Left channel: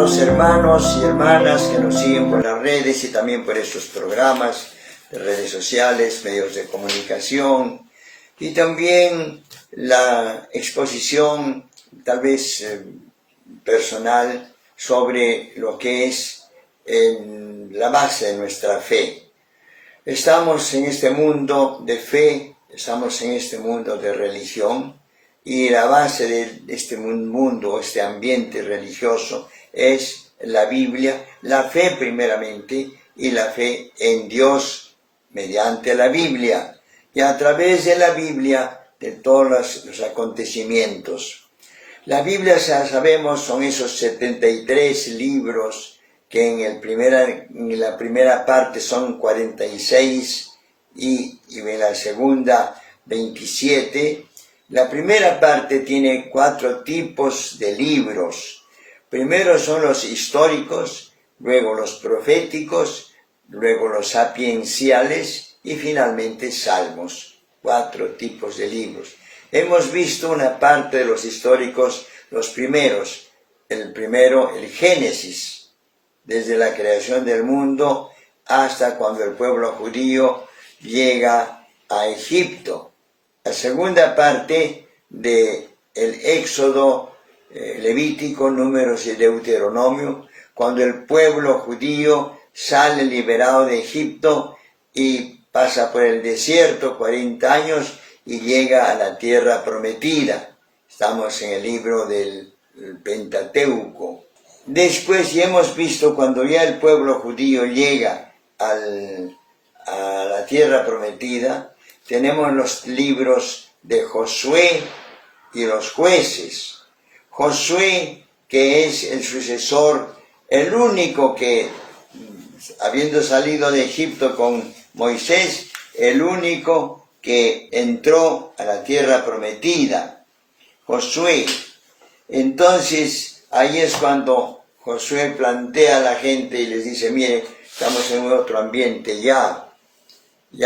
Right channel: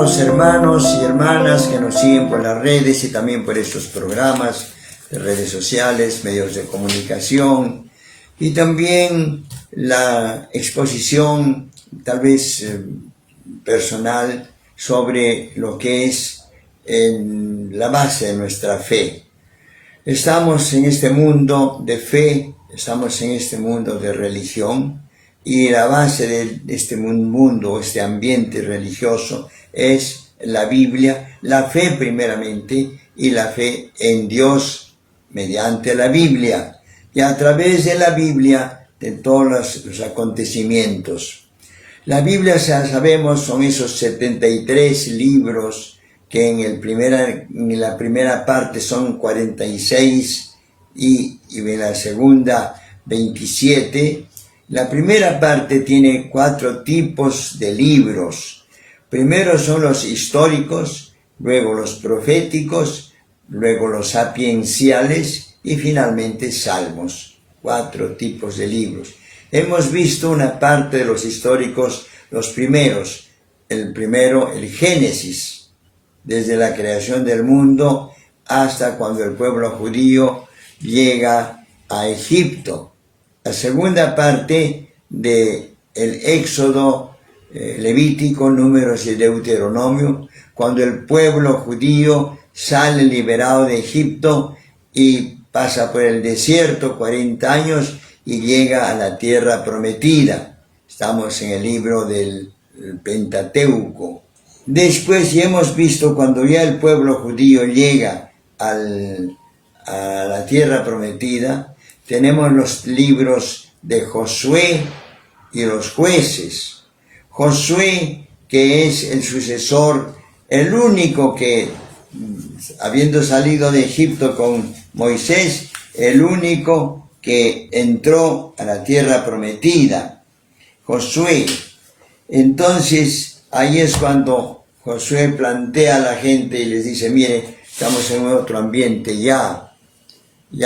Amados hermanos y hermanas que nos siguen por las redes y también por estos programas de redes sociales, medios de comunicación y también la exposición tal vez personal sobre lo que es la base de nuestra fe. Estamos en este mundo de fe, estamos en este mundo de religión, y la base de este mundo, este ambiente religioso, es la Biblia, la fe primeramente, y la fe en Dios mediante la Biblia, y a través de la Biblia de todos los acontecimientos. La Biblia, ya sabemos, son esos 73 libros que en la primera parte son 46 y en la segunda 27. La primera parte tiene 4 tipos de libros. Primero son los históricos, luego los proféticos, luego los sapienciales y finalmente salmos. 4 tipos de libros. Hemos visto una parte de los históricos, los primeros. El primero, el Génesis, desde la creación del mundo hasta cuando el pueblo judío llega a Egipto. La segunda parte de el Éxodo, Levítico, Números y Deuteronomio, cuando el pueblo judío sale liberado de Egipto y pasa por el desierto 40 años y llega a la tierra prometida. Estamos en el libro del Pentateuco. Después ya hemos visto cuando ya el pueblo judío llega a la tierra prometida, tenemos los libros de Josué y los jueces. Josué, que es el sucesor, el único que, habiendo salido de Egipto con Moisés, el único que entró a la tierra prometida. Josué. Entonces, ahí es cuando Josué plantea a la gente y les dice, mire, estamos en otro ambiente ya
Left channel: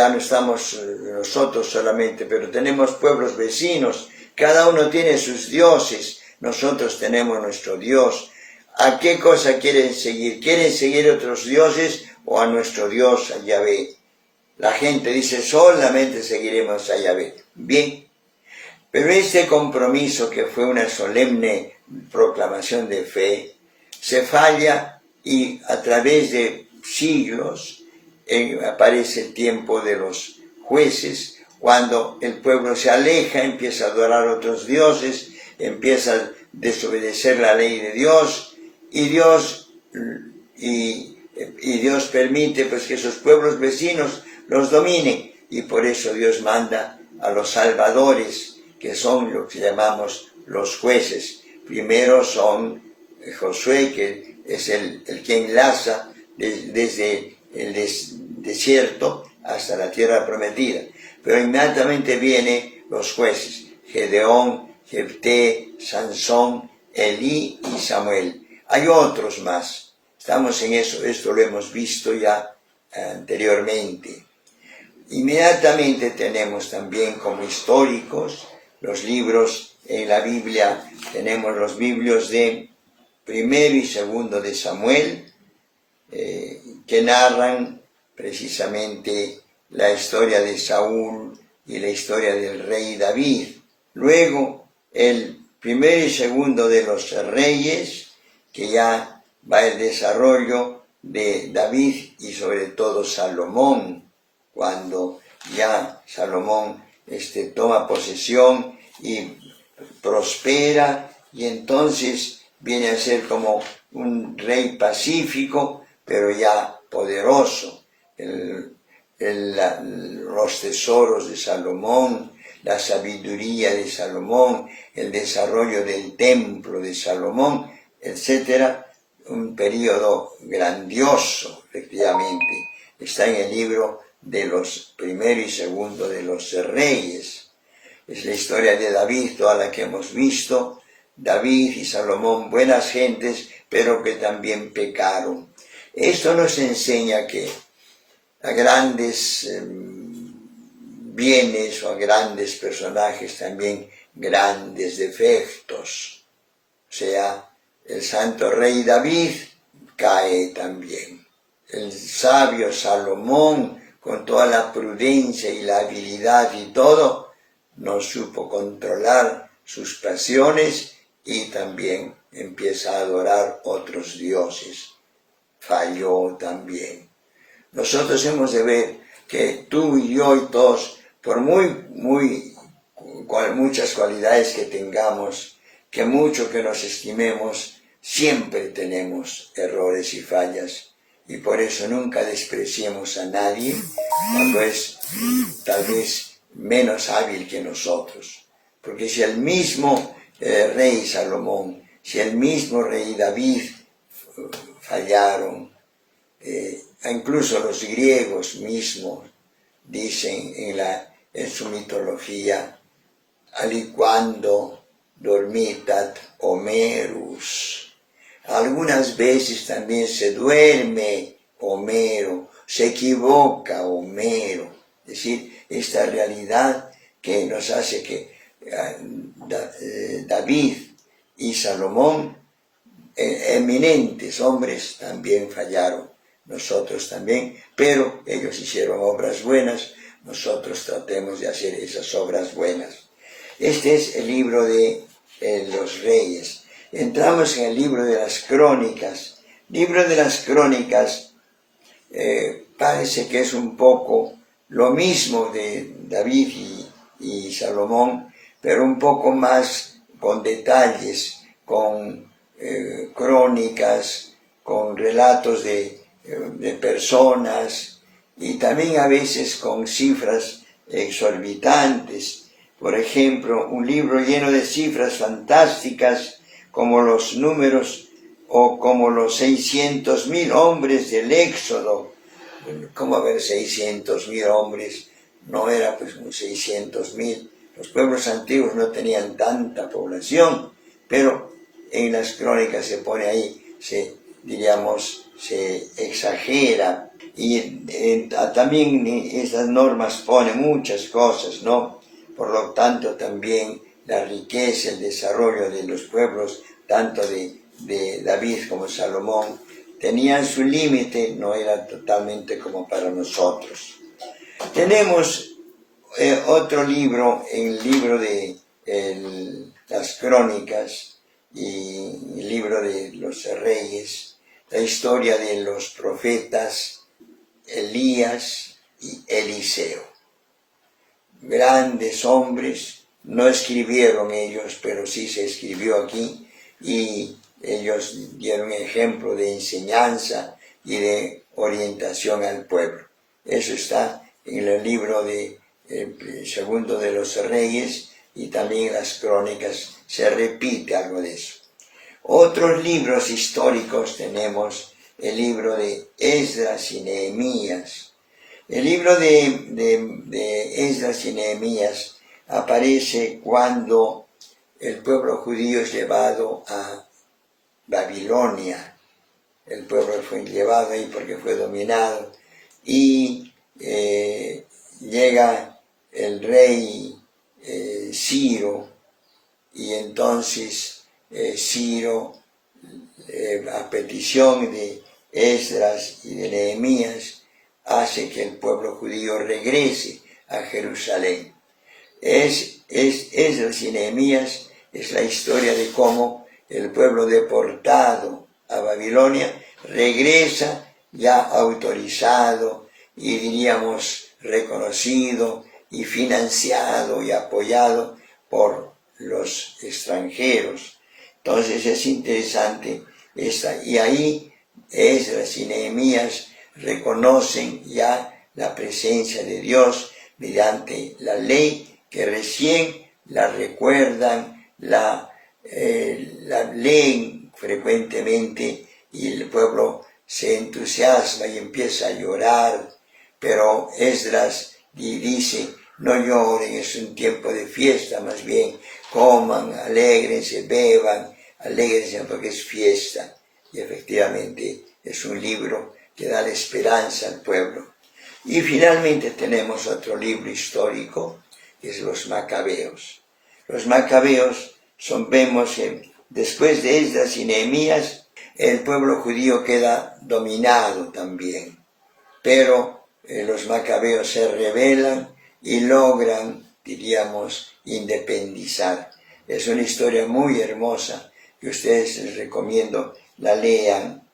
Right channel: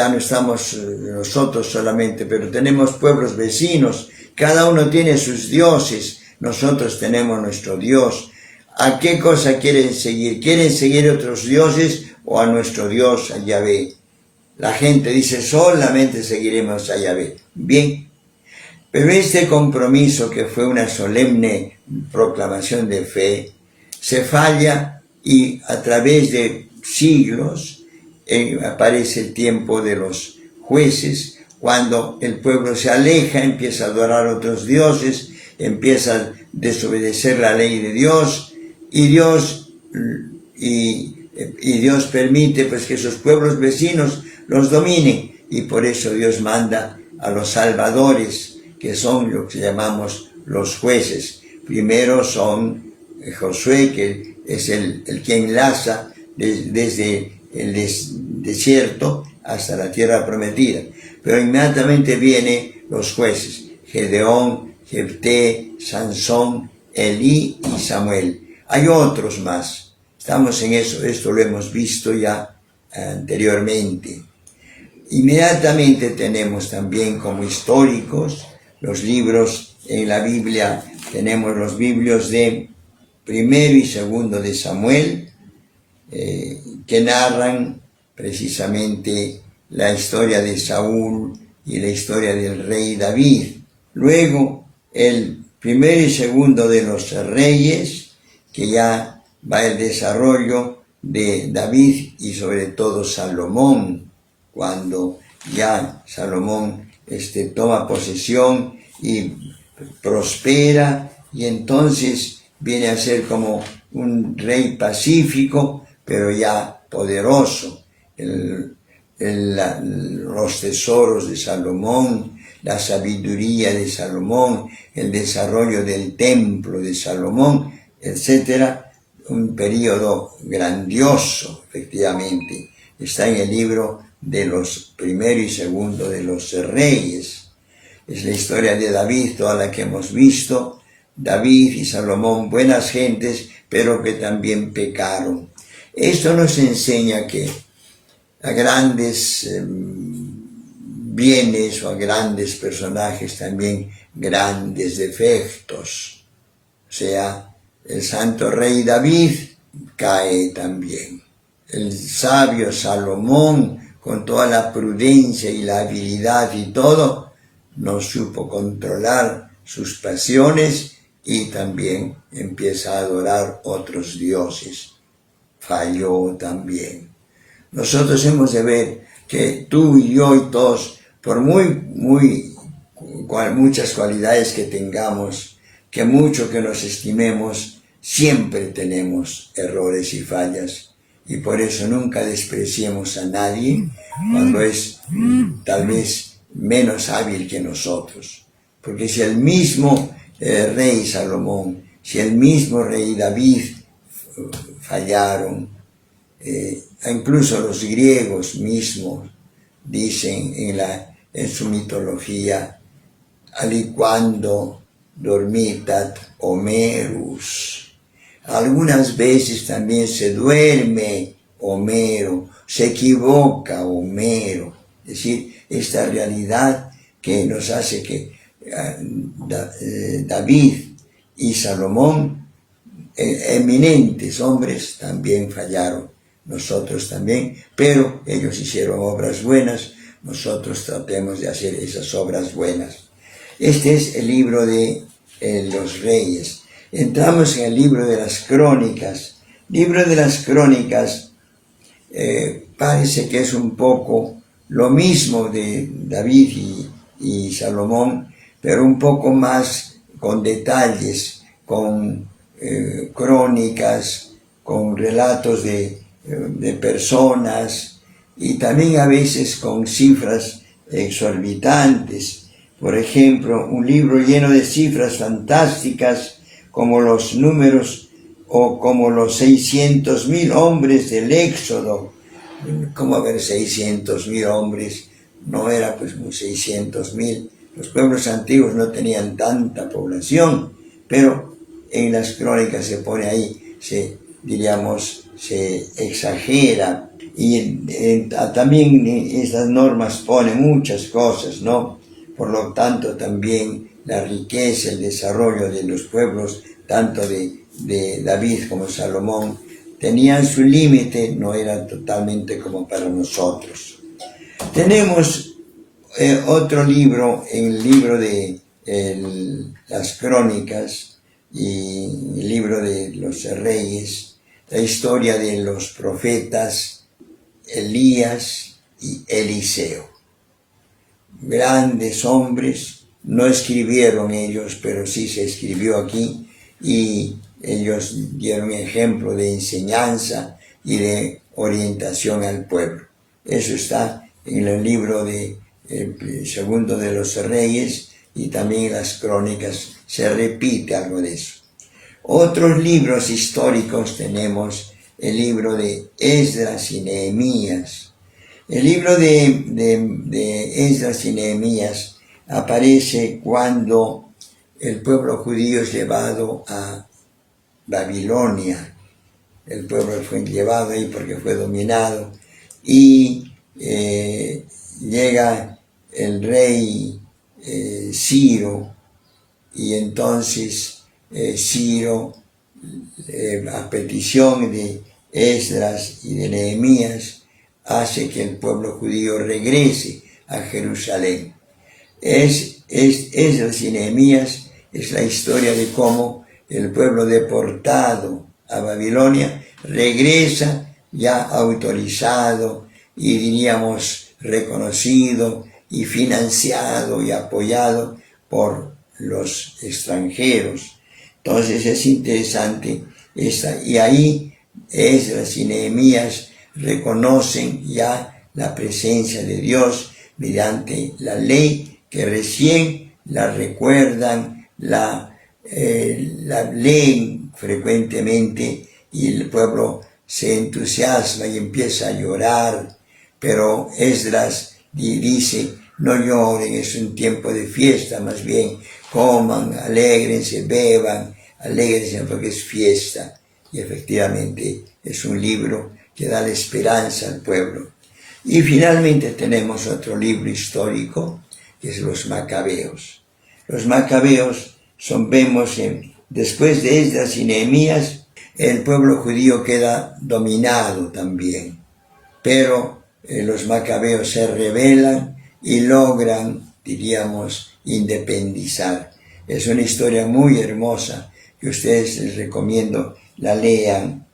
no estamos nosotros solamente, pero tenemos pueblos vecinos, cada uno tiene sus dioses, nosotros tenemos nuestro Dios. ¿A qué cosa quieren seguir? ¿Quieren seguir otros dioses o a nuestro Dios, a Yahvé? La gente dice, solamente seguiremos a Yahvé. Bien, pero este compromiso, que fue una solemne proclamación de fe, se falla y a través de siglos aparece el tiempo de los jueces, cuando el pueblo se aleja, empieza a adorar a otros dioses, empieza a desobedecer la ley de Dios, y Dios permite pues que esos pueblos vecinos los dominen, y por eso Dios manda a los salvadores, que son lo que llamamos los jueces. Primero son Josué, que es el que enlaza desde el desierto hasta la tierra prometida. Pero inmediatamente vienen los jueces, Gedeón, Jefté, Sansón, Elí y Samuel. Hay otros más. Estamos en eso, esto lo hemos visto ya anteriormente. Inmediatamente tenemos también como históricos los libros en la Biblia. Tenemos los libros de primero y segundo de Samuel, que narran precisamente la historia de Saúl y la historia del rey David. Luego, el primero y segundo de los reyes, que ya va el desarrollo de David y sobre todo Salomón, cuando ya Salomón toma posesión y prospera, y entonces viene a ser como un rey pacífico, pero ya poderoso. Los tesoros de Salomón, la sabiduría de Salomón, el desarrollo del templo de Salomón, etc. Un periodo grandioso, efectivamente. Está en el libro de los primero y segundo de los reyes. Es la historia de David, toda la que hemos visto. David y Salomón, buenas gentes, pero que también pecaron. Esto nos enseña que a grandes bienes o a grandes personajes también grandes defectos. O sea, el santo rey David cae también. El sabio Salomón, con toda la prudencia y la habilidad y todo, no supo controlar sus pasiones y también empieza a adorar otros dioses. Falló también. Nosotros hemos de ver que tú y yo y todos, por muchas cualidades que tengamos, que mucho que nos estimemos, siempre tenemos errores y fallas. Y por eso nunca despreciemos a nadie cuando es tal vez menos hábil que nosotros. Porque si el mismo rey Salomón, si el mismo rey David fallaron, incluso los griegos mismos dicen en su mitología, aliquando dormitat Homerus. Algunas veces también se duerme Homero, se equivoca Homero. Es decir, esta realidad que nos hace que David y Salomón, eminentes hombres, también fallaron. Nosotros también, pero ellos hicieron obras buenas, nosotros tratemos de hacer esas obras buenas. Este es el libro de los reyes. Entramos en el libro de las crónicas. Libro de las crónicas parece que es un poco lo mismo de David y Salomón, pero un poco más con detalles, con crónicas, con relatos de personas y también a veces con cifras exorbitantes. Por ejemplo, un libro lleno de cifras fantásticas como los números o como los 600,000 hombres del Éxodo. ¿Cómo haber 600,000 hombres? No era pues 600,000. Los pueblos antiguos no tenían tanta población, pero en las crónicas se pone ahí, se exagera. Y también estas normas ponen muchas cosas, ¿no? Por lo tanto, también la riqueza, el desarrollo de los pueblos, tanto de David como Salomón, tenían su límite, no era totalmente como para nosotros. Tenemos otro libro, el libro de las crónicas y el libro de los reyes, la historia de los profetas Elías y Eliseo. Grandes hombres, no escribieron ellos, pero sí se escribió aquí, y ellos dieron ejemplo de enseñanza y de orientación al pueblo. Eso está en el libro de segundo de los reyes, y también en las crónicas se repite algo de eso. Otros libros históricos tenemos el libro de Esdras y Nehemías. El libro de Esdras y Nehemías aparece cuando el pueblo judío es llevado a Babilonia. El pueblo fue llevado ahí porque fue dominado, y llega el rey Ciro, y entonces Ciro, a petición de Esdras y de Nehemías, hace que el pueblo judío regrese a Jerusalén. Esdras y Nehemías es la historia de cómo el pueblo deportado a Babilonia regresa ya autorizado y diríamos reconocido y financiado y apoyado por los extranjeros. Entonces es interesante y ahí Esdras y Nehemías reconocen ya la presencia de Dios mediante la ley, que recién la recuerdan, la leen frecuentemente, y el pueblo se entusiasma y empieza a llorar. Pero Esdras dice: no lloren, es un tiempo de fiesta, más bien coman, alégrense, beban, alégrense porque es fiesta. Y efectivamente es un libro que da la esperanza al pueblo. Y finalmente tenemos otro libro histórico, que es los Macabeos. Los Macabeos vemos después de Esdras y Nehemías, el pueblo judío queda dominado también. Pero los macabeos se rebelan y logran, diríamos, independizar. Es una historia muy hermosa que ustedes les recomiendo la lean.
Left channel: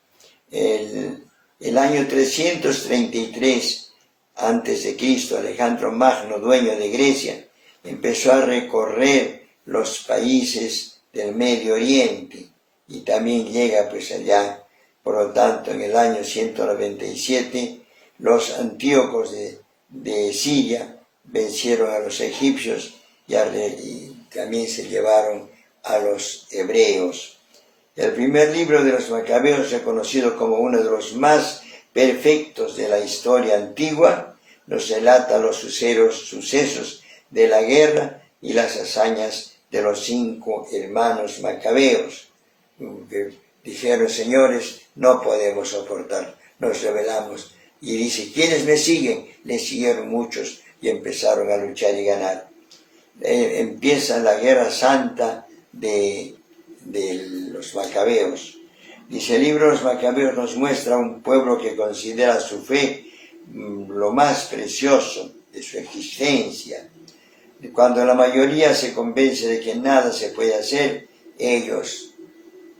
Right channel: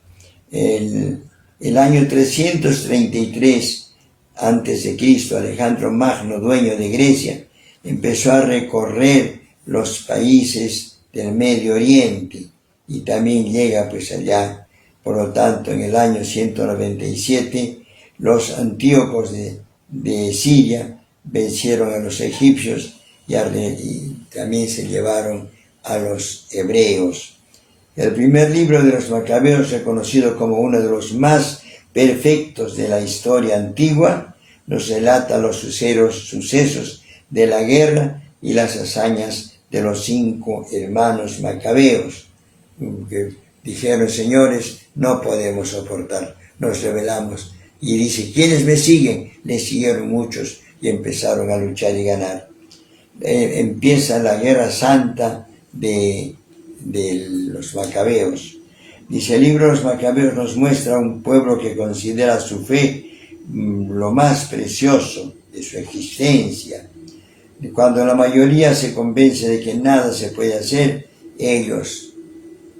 El año 333 a.C., Alejandro Magno, dueño de Grecia, empezó a recorrer los países del Medio Oriente y también llega pues allá. Por lo tanto, en el año 197, los antíocos de Siria vencieron a los egipcios y también se llevaron a los hebreos. El primer libro de los Macabeos, reconocido como uno de los más perfectos de la historia antigua, nos relata los sucesos de la guerra y las hazañas de los 5 hermanos macabeos, que dijeron: señores, no podemos soportar, nos rebelamos. Y dice: ¿quiénes me siguen? Le siguieron muchos y empezaron a luchar y ganar. Empieza la guerra santa de los macabeos. Dice el libro de los Macabeos nos muestra un pueblo que considera su fe lo más precioso de su existencia. Cuando la mayoría se convence de que nada se puede hacer, ellos,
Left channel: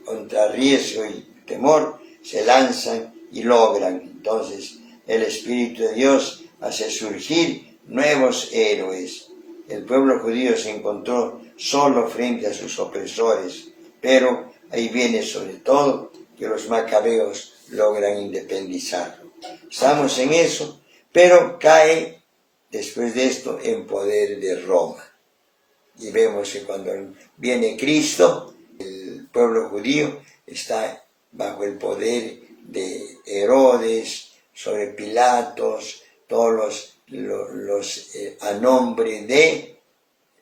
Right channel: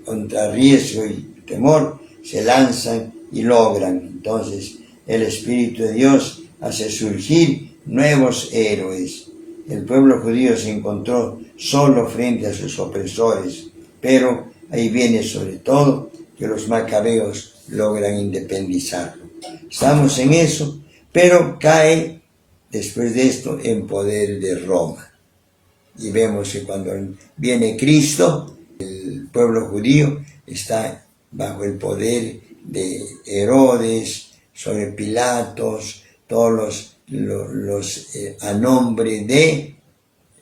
contra riesgo y temor, se lanzan y logran. Entonces el Espíritu de Dios hace surgir nuevos héroes. El pueblo judío se encontró solo frente a sus opresores, pero ahí viene sobre todo que los macabeos logran independizarlo. Estamos en eso, pero cae después de esto en poder de Roma. Y vemos que cuando viene Cristo, el pueblo judío está bajo el poder de Herodes, sobre Pilatos, todos a nombre de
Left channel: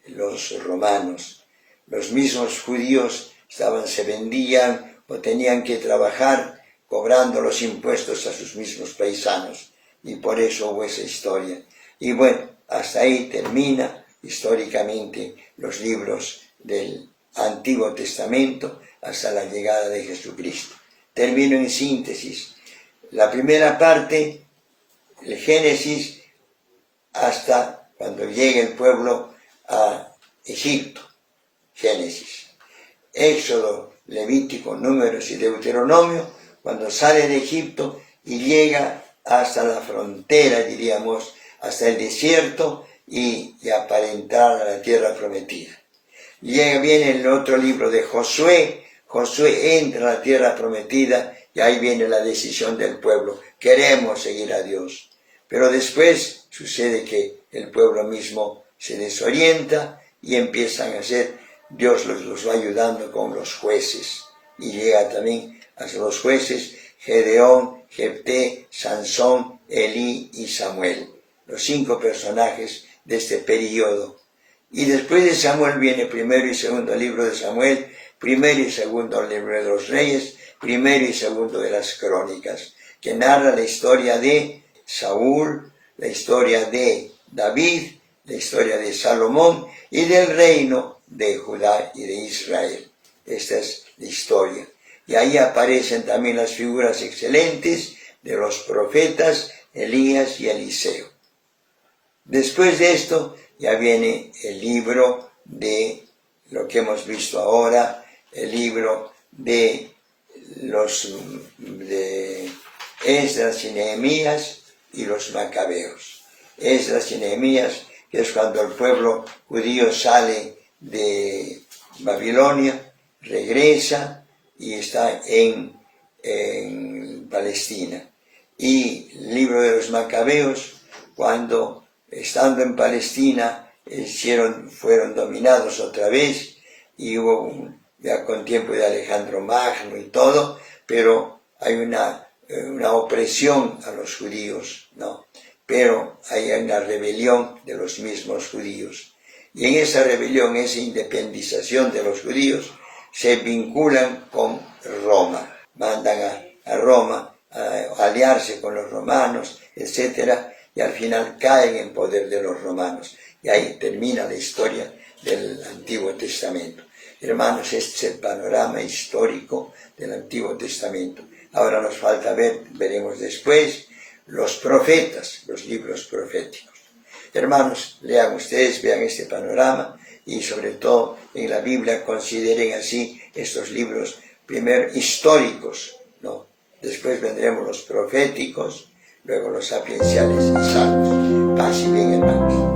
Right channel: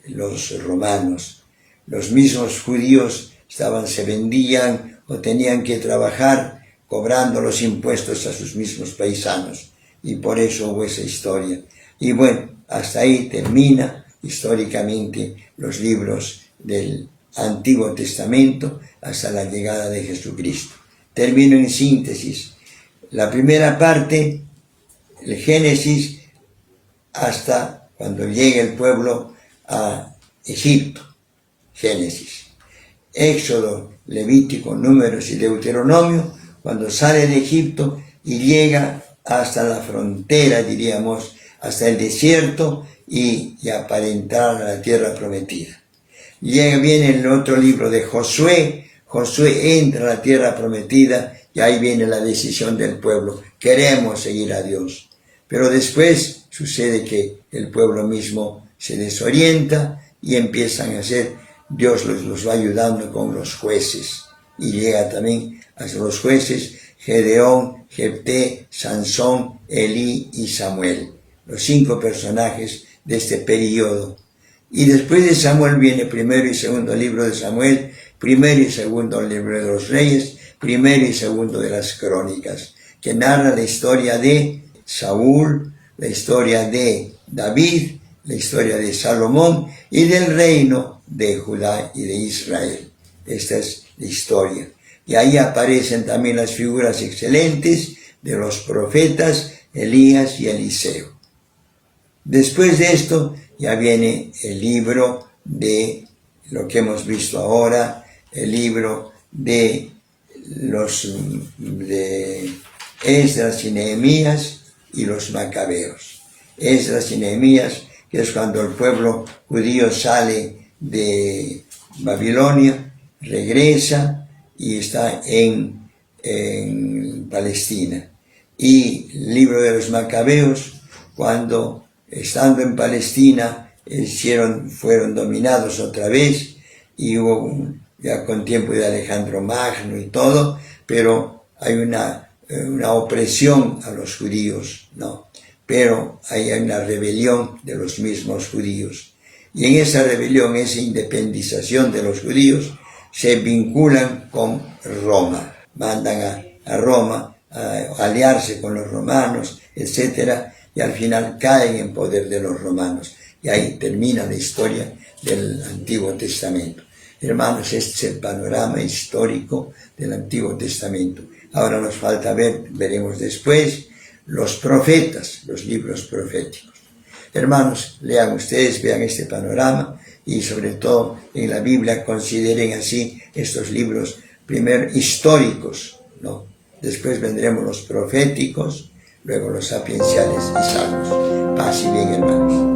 los romanos. Los mismos judíos se vendían o tenían que trabajar cobrando los impuestos a sus mismos paisanos, y por eso hubo esa historia. Y bueno, hasta ahí termina históricamente los libros del Antiguo Testamento hasta la llegada de Jesucristo. Termino en síntesis. La primera parte, el Génesis, hasta cuando llega el pueblo a Egipto. Génesis. Éxodo, Levítico, Números y Deuteronomio, cuando sale de Egipto y llega hasta la frontera, diríamos, hasta el desierto y ya para entrar a la tierra prometida. Viene el otro libro de Josué. Josué entra a la tierra prometida y ahí viene la decisión del pueblo. Queremos seguir a Dios. Pero después sucede que el pueblo mismo se desorienta y empiezan a hacer, Dios los va ayudando con los jueces. Y llega también a los jueces Gedeón, Jefté, Sansón, Elí y Samuel. Los 5 personajes de este periodo. Y después de Samuel viene primero y segundo libro de Samuel, primero y segundo libro de los Reyes, primero y segundo de las Crónicas, que narra la historia de Saúl, la historia de David, la historia de Salomón y del reino de Judá y de Israel. Esta es la historia. Y ahí aparecen también las figuras excelentes de los profetas Elías y Eliseo. Después de esto ya viene el libro de lo que hemos visto ahora, el libro de Esdras y Nehemías y los Macabeos. Esdras y Nehemías, que es cuando el pueblo judío sale de Babilonia, regresa y está en Palestina. Y el libro de los Macabeos, cuando estando en Palestina fueron dominados otra vez, y hubo ya con tiempo de Alejandro Magno y todo, pero hay una opresión a los judíos, ¿no? Pero hay una rebelión de los mismos judíos. Y en esa rebelión, esa independización de los judíos, se vinculan con Roma. Mandan a Roma a aliarse con los romanos, etc. Y al final caen en poder de los romanos. Y ahí termina la historia del Antiguo Testamento. Hermanos, este es el panorama histórico del Antiguo Testamento. Ahora nos falta ver, veremos después, los profetas, los libros proféticos. Hermanos, lean ustedes, vean este panorama y sobre todo en la Biblia consideren así estos libros, primero históricos, ¿no? Después vendremos los proféticos, luego los sapienciales y salmos. Paz y bien, hermanos.